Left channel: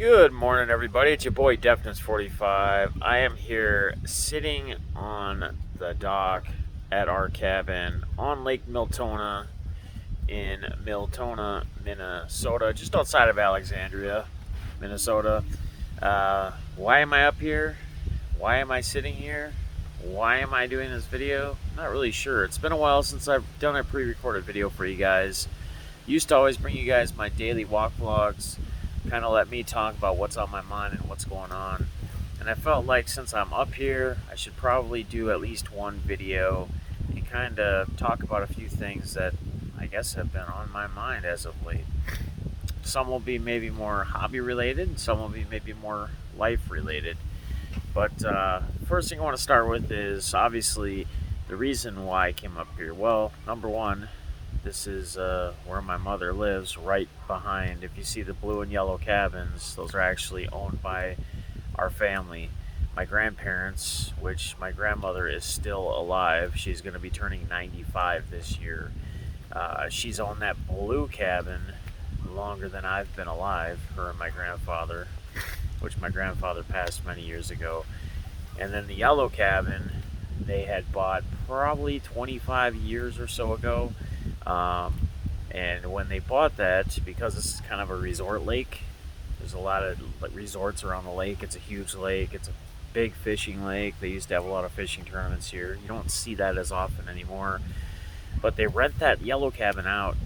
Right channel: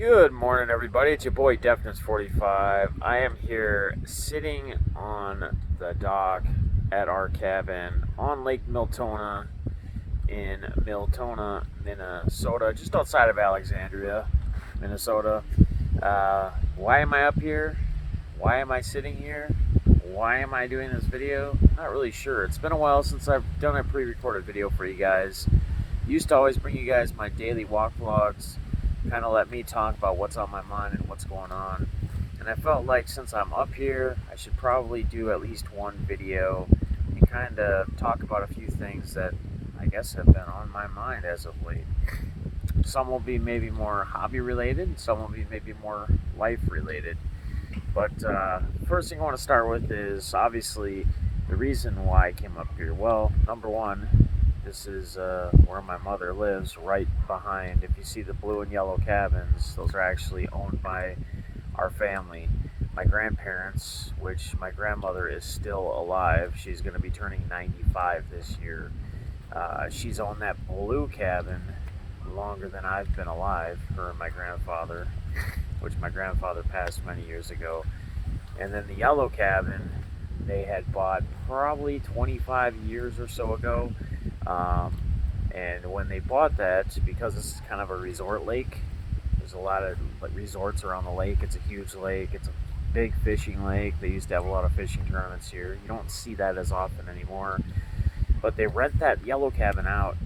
Good morning, everybody. It's your boy Deafness45. I am here sitting on the dock at our cabin on Lake Miltona in Miltona, Minnesota, just outside of Alexandria, Minnesota. Why am I up here? Why am I sitting here? Why am I doing this video? Not really sure. It's been a while since I've done a pre-recorded video for you guys. Used to always bring you guys my daily walk vlogs, kind of let me talk about what's on my mind and what's going on. And I felt like since I'm up here, I should probably do at least one video and kind of talk about a few things that I guess have been on my mind as of late. Some will be maybe more hobby related, some will be maybe more life related. But first thing I want to start with is obviously the reason why I came up here. Well, number one, this is where my mother lives, right behind. If you see the blue and yellow cabins, those are actually owned by our family. My grandparents, which my grandmother is still alive. She's going to be turning 95 this year. She's owned that blue cabin longer than I've been alive, her and my grandfather, which my grandfather passed many years ago. And then the yellow cabin they had bought probably 25 years or so ago. And when they bought that, because this is kind of a resort lake, there's a lot of resorts around the lake. It's a huge lake. It's a big fishing lake. They used to have a lot of fishing tournaments here. You don't see that as often anymore. But they rent that yellow cabin out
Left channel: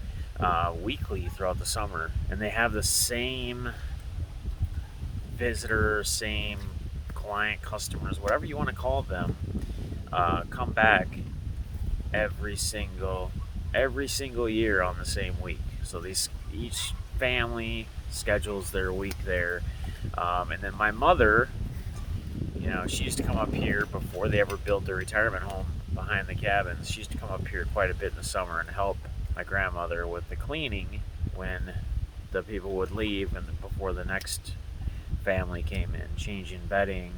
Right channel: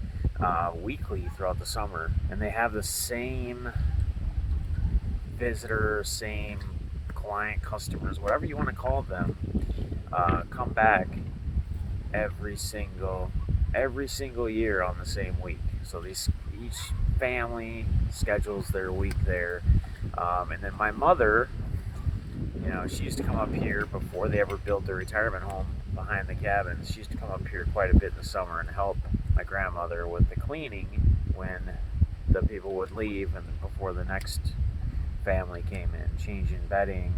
weekly throughout the summer. And they have the same visitor, same client, customers, whatever you want to call them, come back every single year on the same week. So each family schedules their week there. And then my mother, she used to come up here before they ever built their retirement home behind the cabins. She used to come up here quite a bit in the summer and help my grandmother with the cleaning when the people would leave and before the next family came in, changing bedding,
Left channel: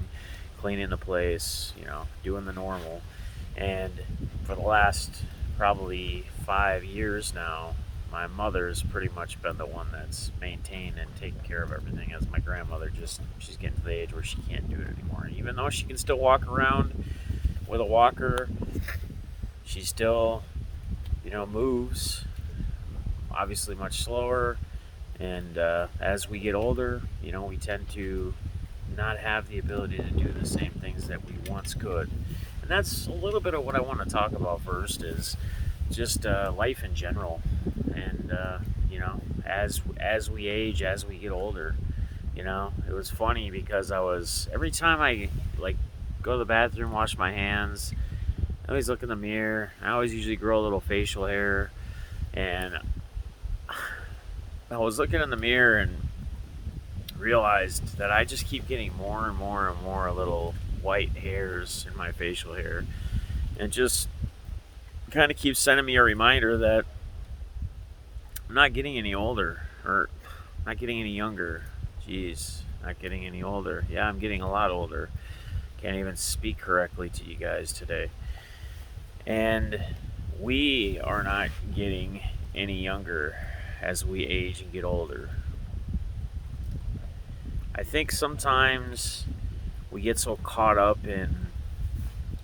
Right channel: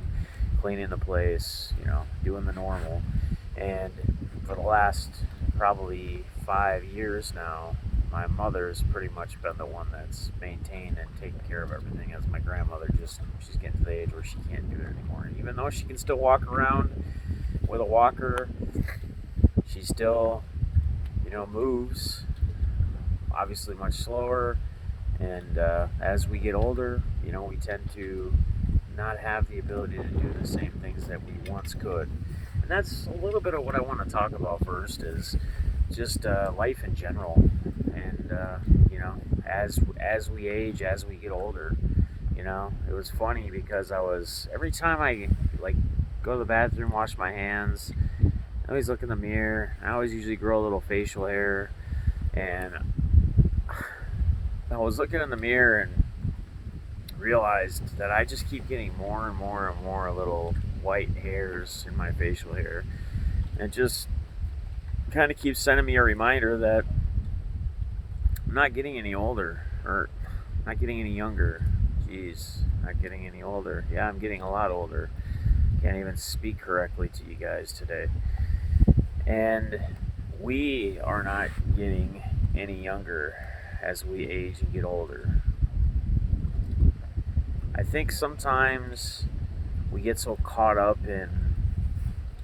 cleaning the place, doing the normal. And for the last probably 5 years now, my mother's pretty much been the one that's maintained and taken care of everything, as my grandmother she's getting to the age where she can't do it anymore. Even though she can still walk around with a walker, she still, moves, obviously much slower. And as we get older, we tend to not have the ability to do the same things that we once could. And that's a little bit of what I want to talk about first, is just life in general. And as we age, as we get older, it was funny because every time I go to the bathroom, wash my hands, I always look in the mirror. I always usually grow a little facial hair, and I was looking in the mirror and realized that I just keep getting more and more and more little white hairs in my facial hair, and just kind of keeps sending me a reminder that I'm not getting any older, or not getting any younger. Jeez, not getting any older. Yeah, I'm getting a lot older. Can't even speak correctly to you guys today. And we are not getting any younger as we age and get older. I think sometimes we get so caught up in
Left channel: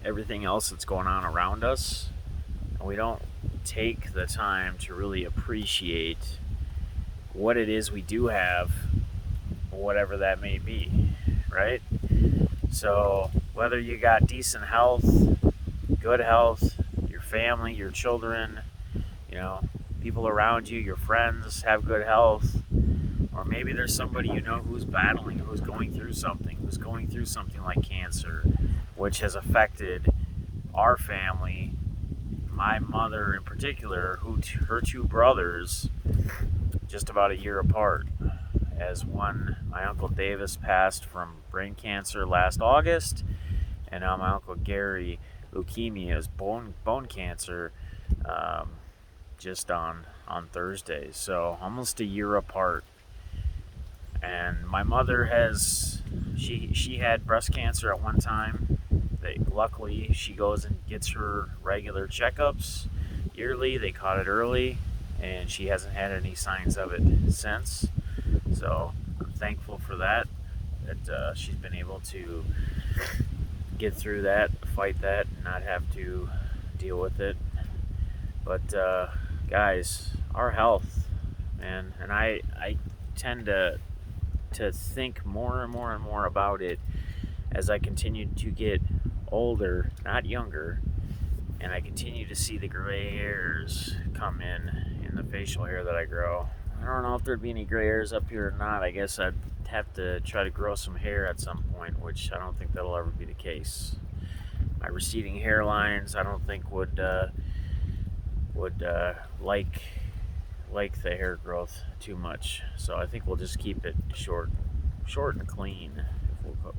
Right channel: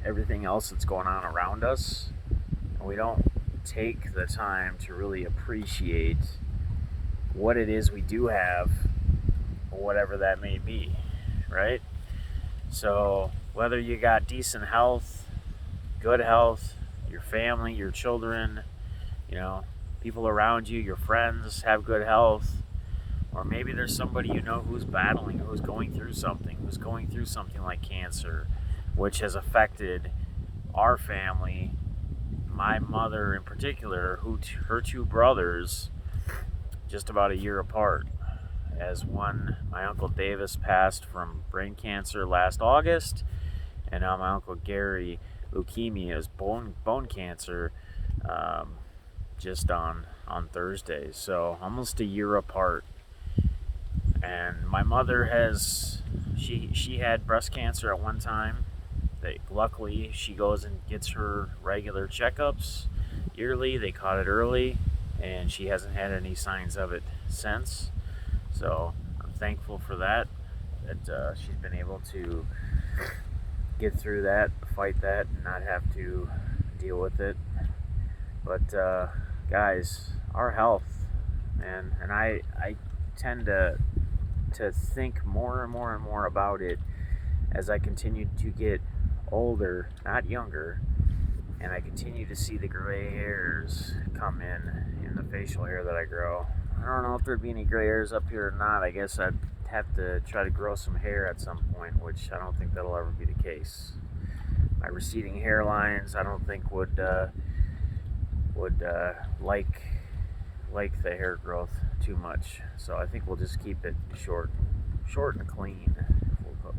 everything else that's going on around us, and we don't take the time to really appreciate what it is we do have, whatever that may be, right? So whether you got decent health, good health, your family, your children, people around you, your friends have good health, or maybe there's somebody who's battling, who's going through something like cancer, which has affected our family. My mother in particular, her two brothers, just about a year apart. As my Uncle Davis passed from brain cancer last August, and now my Uncle Gary, leukemia, is bone cancer, just on Thursday. So almost a year apart. And my mother she had breast cancer at one time. Luckily, she goes and gets her regular checkups yearly. They caught it early, and she hasn't had any signs of it since. So I'm thankful for that she's been able to get through that, fight that, and not have to deal with it. But guys, our health, man, and I tend to think more and more and more about it as I continue to get older, not younger, and I continue to see the gray hairs come in the facial hair that I grow. I don't know if there'd be any gray hairs up here or not. I guess I'd have to try to grow some hair at some point, which I don't think that'll ever be the case. My receding hairlines, I don't think would like the hair growth too much. So I think we'll just keep it short and clean.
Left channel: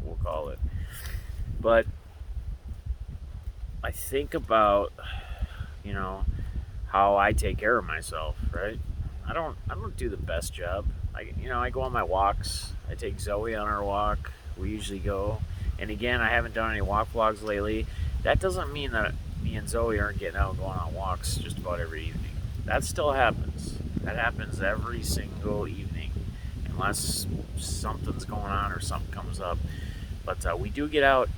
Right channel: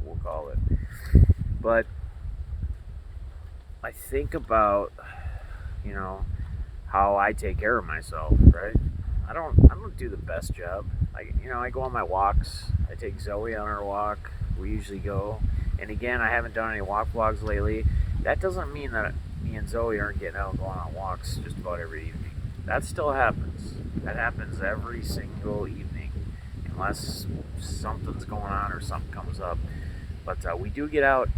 We'll call it. But I think about, how I take care of myself, right? I don't do the best job. I go on my walks. I take Zoe on her walk. We usually go. And again, I haven't done any walk vlogs lately. That doesn't mean that me and Zoe aren't getting out and going on walks just about every evening. That still happens. That happens every single evening, unless something's going on or something comes up. But we do get out,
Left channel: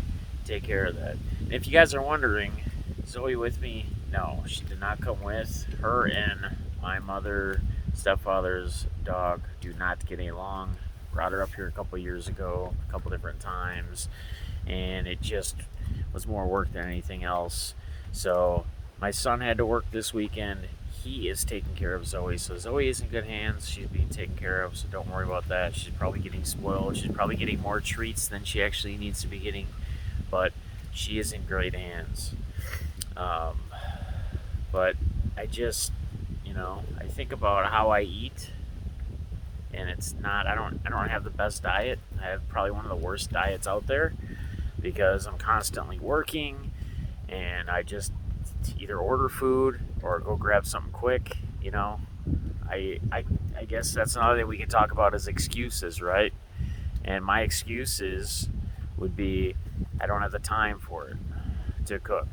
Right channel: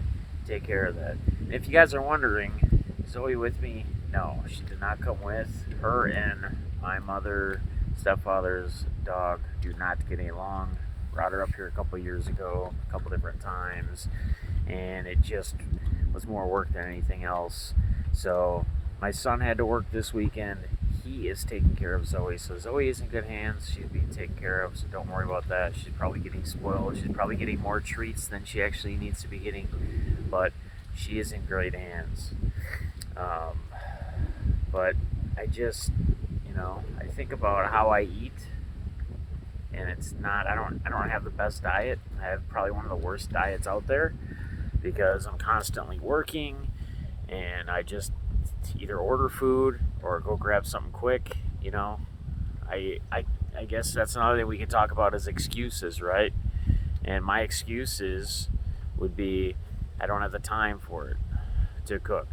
take care of that. And if you guys are wondering, Zoe with me? No, she did not come with. Her and my mother, stepfather's dog do not get along. Brought her up here a couple years ago, a couple different times, and it just was more work than anything else. So my son had to work this weekend. He is taking care of Zoe, so Zoe is in good hands. She's being taken care of, so don't worry about that. She's probably getting spoiled. She's probably getting more treats than she actually needs to be getting, but she is in great hands. But I just, I think about how I eat, and it's not. I don't have the best diet. I have probably one of the worst diets out there because I'm constantly working, and I just either order food or go grab something quick. I guess that's another thing we can talk about is excuses, right? And my excuses would be I don't have the time for it to cook.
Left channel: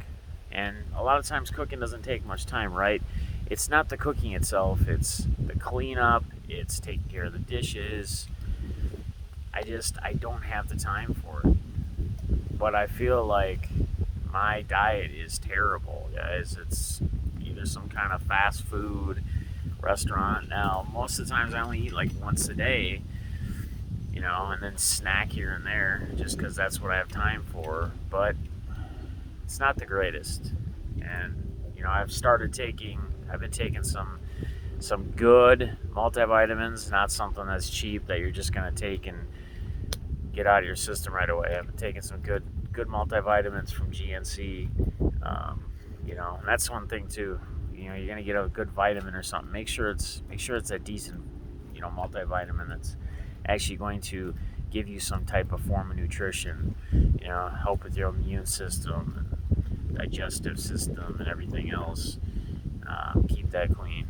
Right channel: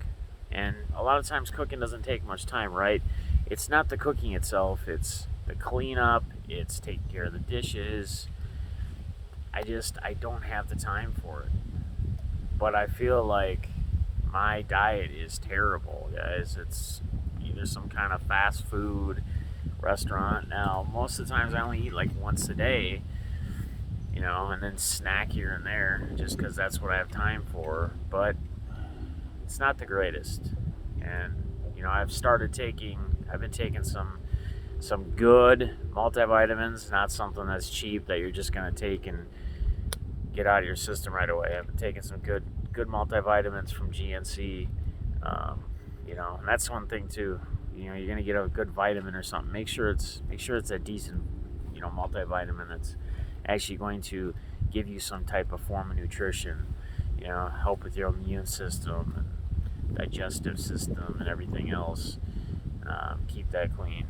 And a lot of times cooking doesn't take much time, right? It's not the cooking itself, it's the cleanup, it's taking care of the dishes. I don't have the time for it. But I feel like my diet is terrible, guys. It's either some kind of fast food restaurant. Now, most of the times I only eat like once a day, and then snack here and there just because that's what I have time for. But it's not the greatest. And, I've been taking some good multivitamins, not something that's cheap that you're just going to take and get out of your system right away. I've been taking some good multivitamins from GNC, and that's one thing too. You're gonna get a good vitamin or something. Make sure it's a decent, multivitamin that's actually going to give you some type of form of nutrition. Help with your immune system and digestive system and everything else. Keep that clean.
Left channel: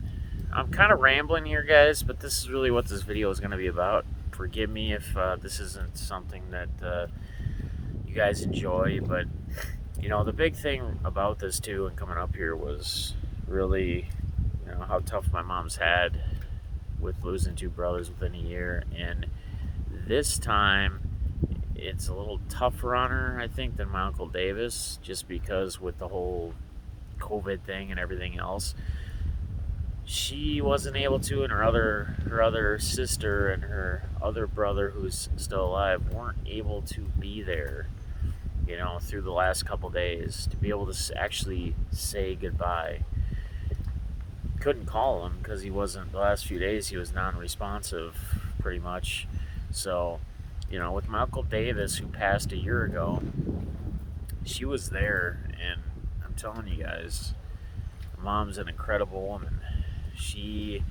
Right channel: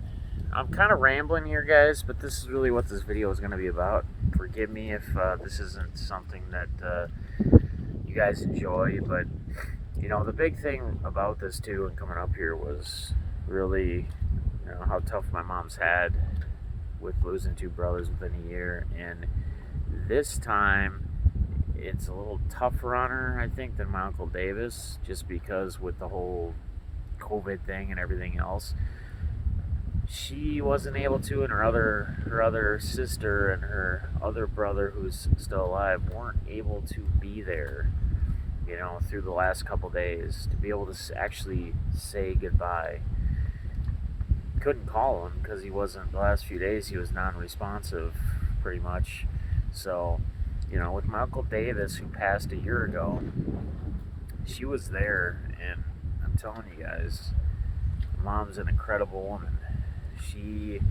I'm kind of rambling here, guys, but this is really what this video is going to be about. Forgive me if this isn't something that you guys enjoy, but the big thing about this too and coming up here was really how tough my mom's had with losing two brothers within a year, and this time it's a little tougher on her, I think, than my Uncle Davis, just because with the whole COVID thing and everything else, she wasn't able to, and her other sister and her other brother who's still alive weren't able to be there, through the last couple days to be able to actually say goodbye. Couldn't call him because he wasn't, the last few days he was non-responsive pretty much. So, with my Uncle Davis, who passed a year ago, she was there, and I'm telling you guys, Mom's an incredible woman. She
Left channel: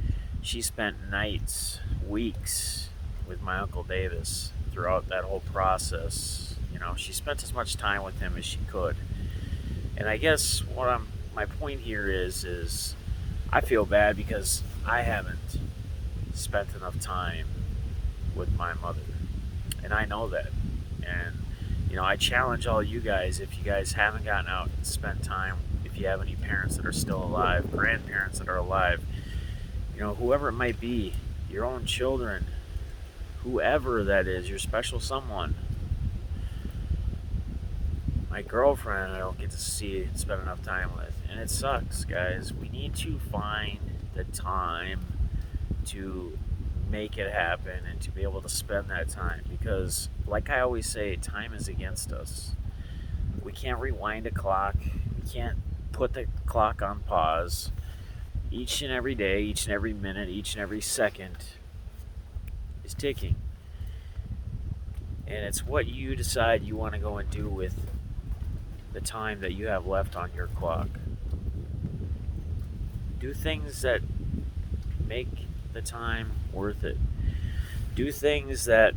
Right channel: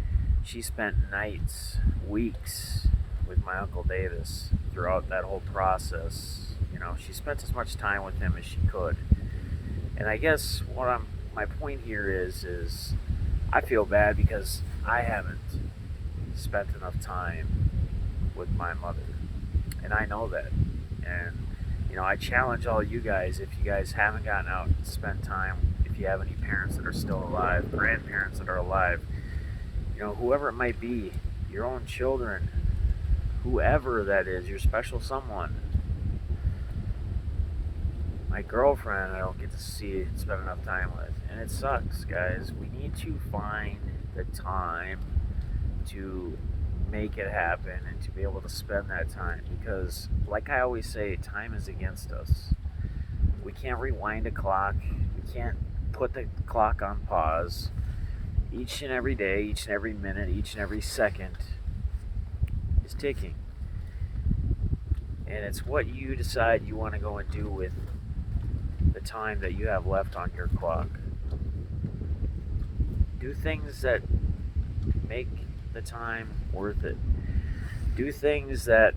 spent nights, weeks with my Uncle Davis throughout that whole process. She spent as much time with him as she could. And I guess my point here is I feel bad because I haven't spent enough time with my mother. And I know that. And, I challenge all you guys, if you guys haven't gotten out and spent time, if you have any parents that are still alive, grandparents that are alive, whoever it might be, your own children, whoever that is, your special someone. My girlfriend, I don't get to see and spend enough time with. And it sucks, guys. We need to find the time to make it happen and to be able to spend that time. Because, like I always say, time is against us. We can't rewind a clock. We can't put the clock on pause. Each and every day, each and every minute, each and every second is ticking. And it's what you decide you want to go and do with the time that you have left on your clock. Do things that make the time worth it. Do things that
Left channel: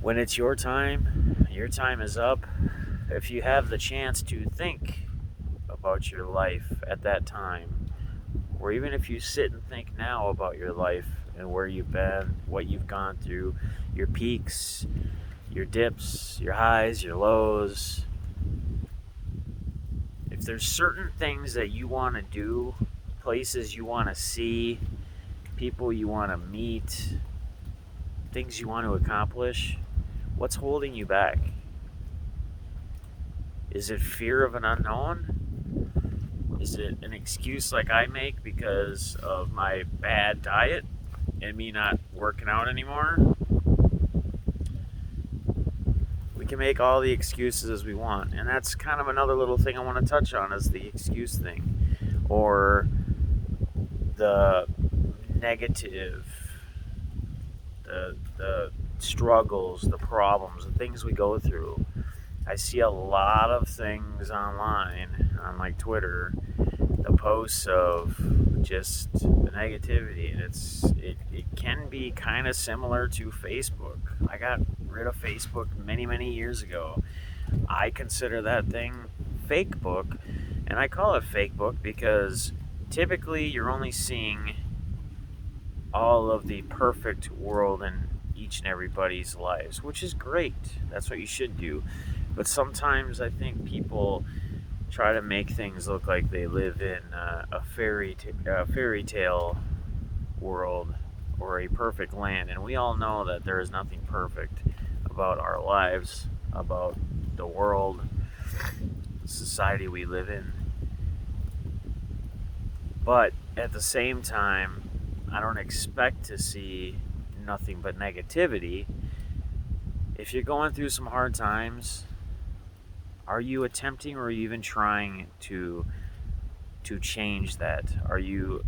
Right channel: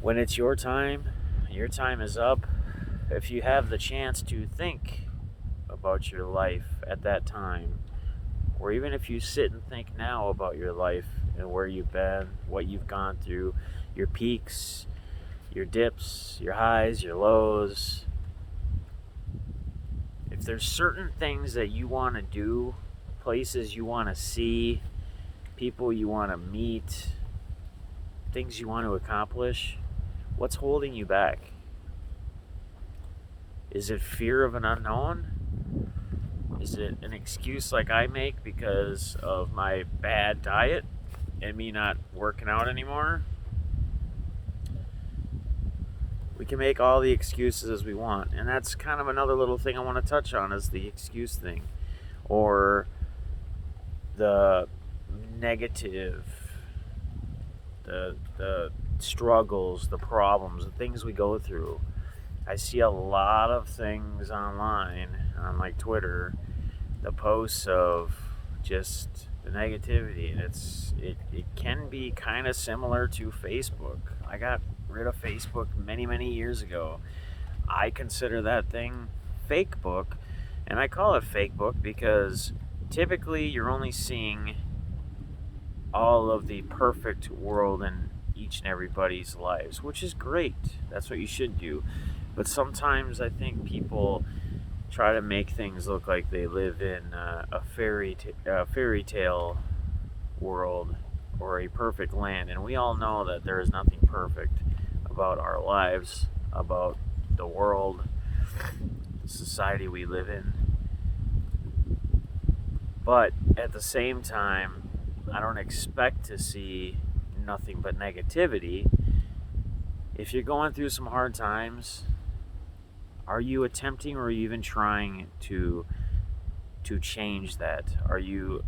when it's your time is up. If you have the chance to think about your life at that time, or even if you sit and think now about your life and where you've been, what you've gone through, your peaks, your dips, your highs, your lows. If there's certain things that you want to do, places you want to see, people you want to meet, things you want to accomplish, what's holding you back? Is it fear of an unknown? Is it an excuse like I make because of my bad diet and me not working out anymore? We can make all the excuses as we want, and that's kind of another little thing I want to touch on is the excuse thing, or the negative, the struggles, the problems, the things we go through. I see a lot of things online on like Twitter, the posts of just the negativity, and it can be kind of similar to Facebook. I got rid of Facebook many years ago. I consider that thing fake book, and I call it fake book because typically you're only seeing all of the perfect world in each and everybody's lives, which is great. That's what you should do. But sometimes I think people try to make things look like they live in a fairy tale world or a perfect land, and we all know that there is nothing perfect about our lives, about the world, the society we live in. But at the same time, I don't expect to see nothing but negativity. If you're going through some hard times, are you attempting or even trying to change that? Are you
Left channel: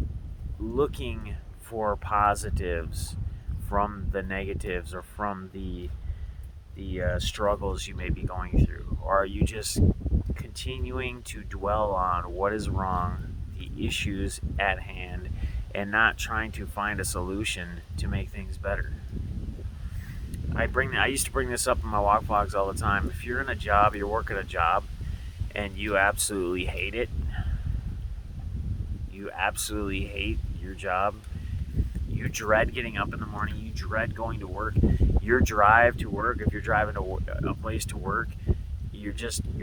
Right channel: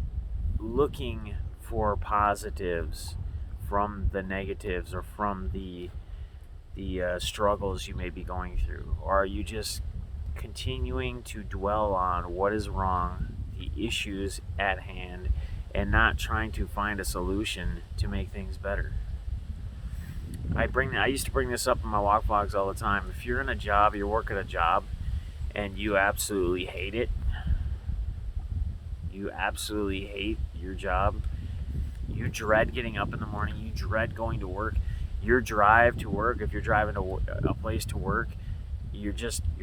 looking for positives from the negatives or from the struggles you may be going through? Or are you just continuing to dwell on what is wrong, the issues at hand, and not trying to find a solution to make things better? I used to bring this up in my walk vlogs all the time. If you're in a job, you're working a job, and you absolutely hate it, you absolutely hate your job, you dread getting up in the morning, you dread going to work, your drive to work, if you're driving to a place to work, you're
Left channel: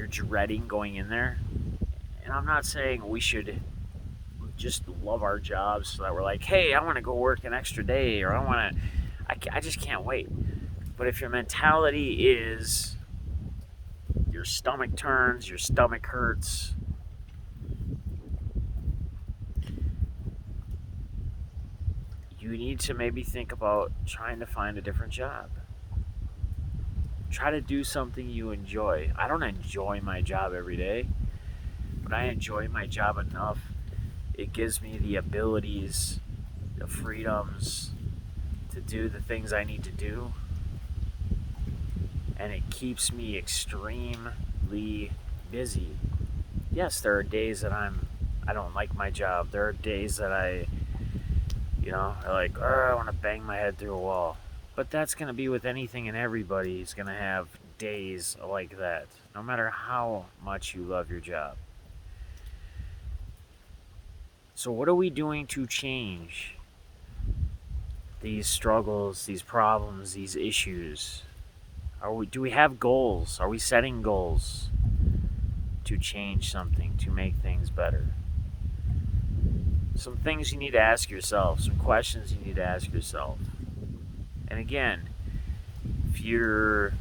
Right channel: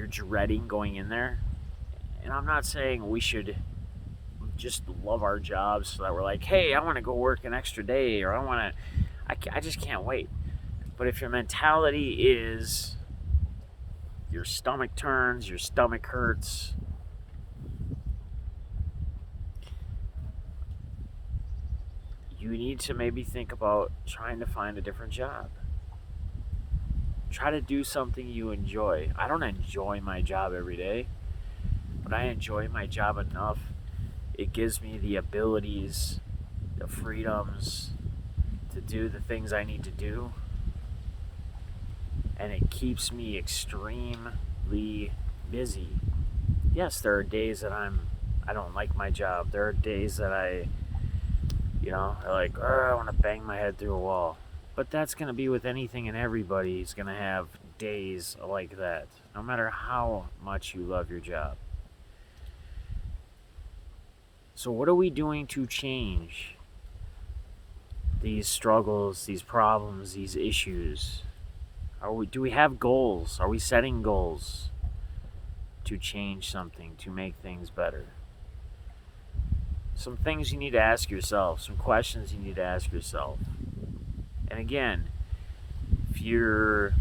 dreading going in there. And I'm not saying we should just love our jobs so that we're like, hey, I want to go work an extra day, or I just can't wait. But if your mentality is your stomach turns, your stomach hurts, you need to maybe think about trying to find a different job. Try to do something you enjoy. I don't enjoy my job every day, but I enjoy my job enough. It gives me the abilities, the freedoms to do the things I need to do. And it keeps me extremely busy. Yes, there are days that I don't like my job. There are days that I like, I want to bang my head through a wall. But that's going to be with anything and everybody is going to have days like that, no matter how much you love your job. So what are we doing to change these struggles, these problems, these issues? Do we have goals? Are we setting goals to change something, to make things better? Some things you need to ask yourself, some questions you need to ask yourself. And again, if you're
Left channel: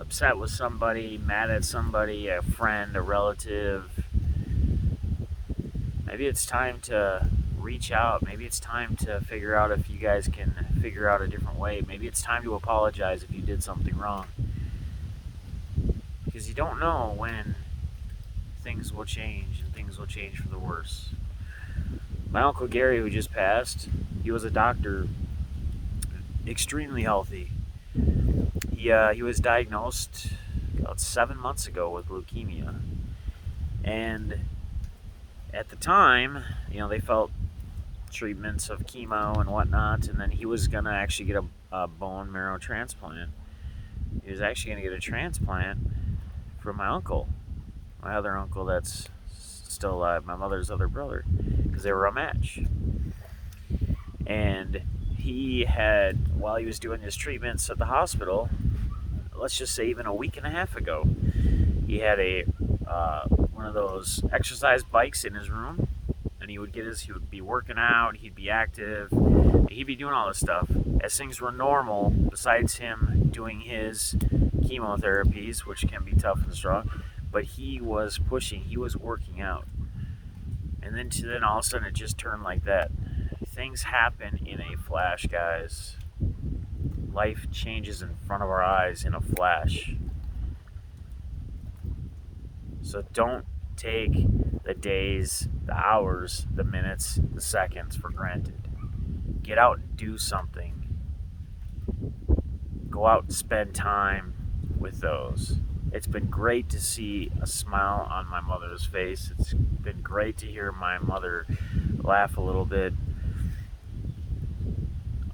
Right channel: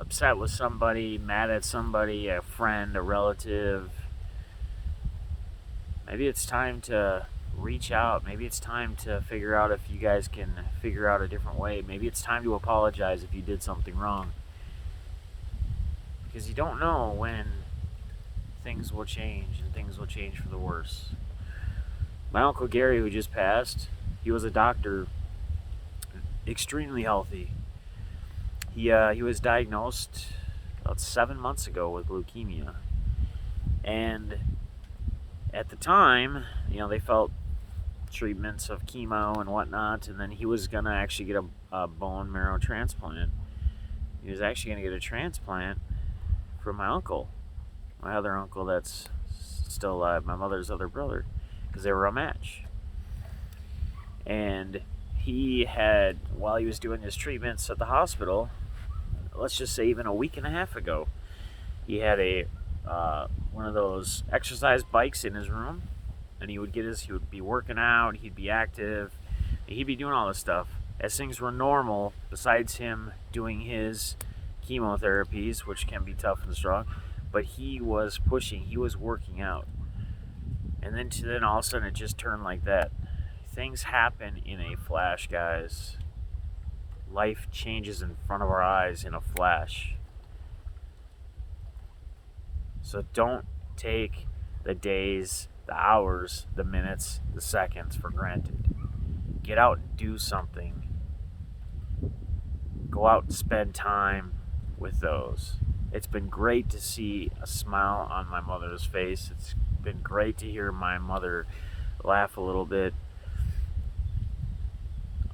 upset with somebody, mad at somebody, a friend, a relative, maybe it's time to reach out. Maybe it's time to figure out if you guys can figure out a different way. Maybe it's time to apologize if you did something wrong. Because you don't know when things will change, and things will change for the worse. My Uncle Gary, who just passed, he was a doctor, extremely healthy. He was diagnosed about 7 months ago with leukemia. And at the time, they felt treatments of chemo and whatnot, and then he was going to actually get a bone marrow transplant. He was actually going to get a transplant from my uncle, my other uncle that's still alive, my mother's other brother, because they were a match. And he had, while he was doing his treatments at the hospital, let's just say even a week and a half ago, he had one of those exercise bikes in his room, and he would be working out, he'd be active, he'd be doing all this stuff as things were normal, besides him doing his chemotherapies, which can be tough and strong. But he was pushing, he was working out. And then all of a sudden it just turned like that. Things happen in a flash, guys. Life changes in front of our eyes in a flash. So don't take the days, the hours, the minutes, the seconds for granted. Get out and do something. Go out and spend time with those. It's been great to see a smile on my mother's face. It's been great to hear my mother laugh a little bit.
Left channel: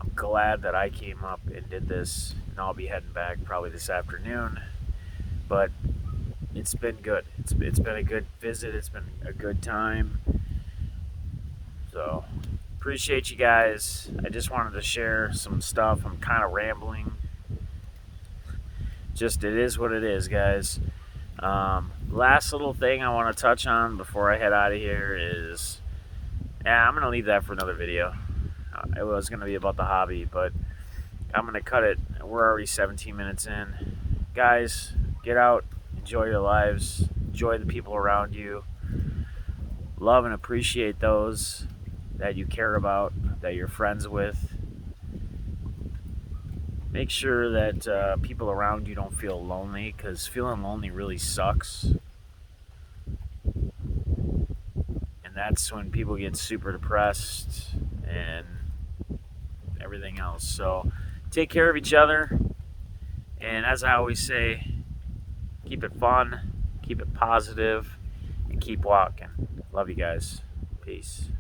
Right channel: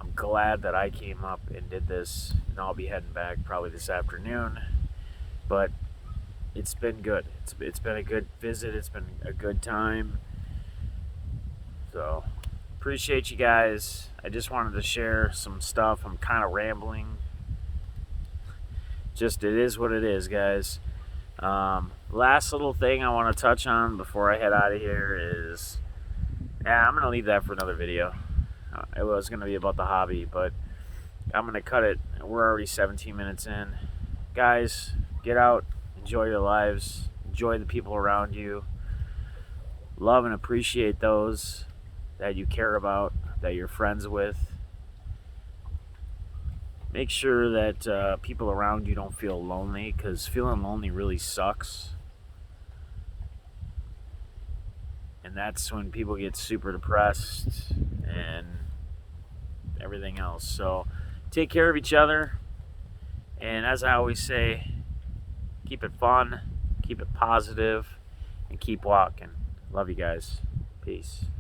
I'm glad that I came up and did this, and I'll be heading back probably this afternoon. But it's been good. It's been a good visit. It's been a good time. So, appreciate you guys. I just wanted to share some stuff. I'm kind of rambling. Just, it is what it is, guys. Last little thing I want to touch on before I head out of here is, I'm going to leave that for another video. It was going to be about the hobby, but I'm going to cut it. We're already 17 minutes in. Guys, get out. Enjoy your lives. Enjoy the people around you. Love and appreciate those that you care about, that you're friends with. Make sure that people around you don't feel lonely, because feeling lonely really sucks. And that's when people get super depressed and everything else. So take care of each other. And as I always say, keep it fun, keep it positive, and keep walking. Love you guys. Peace.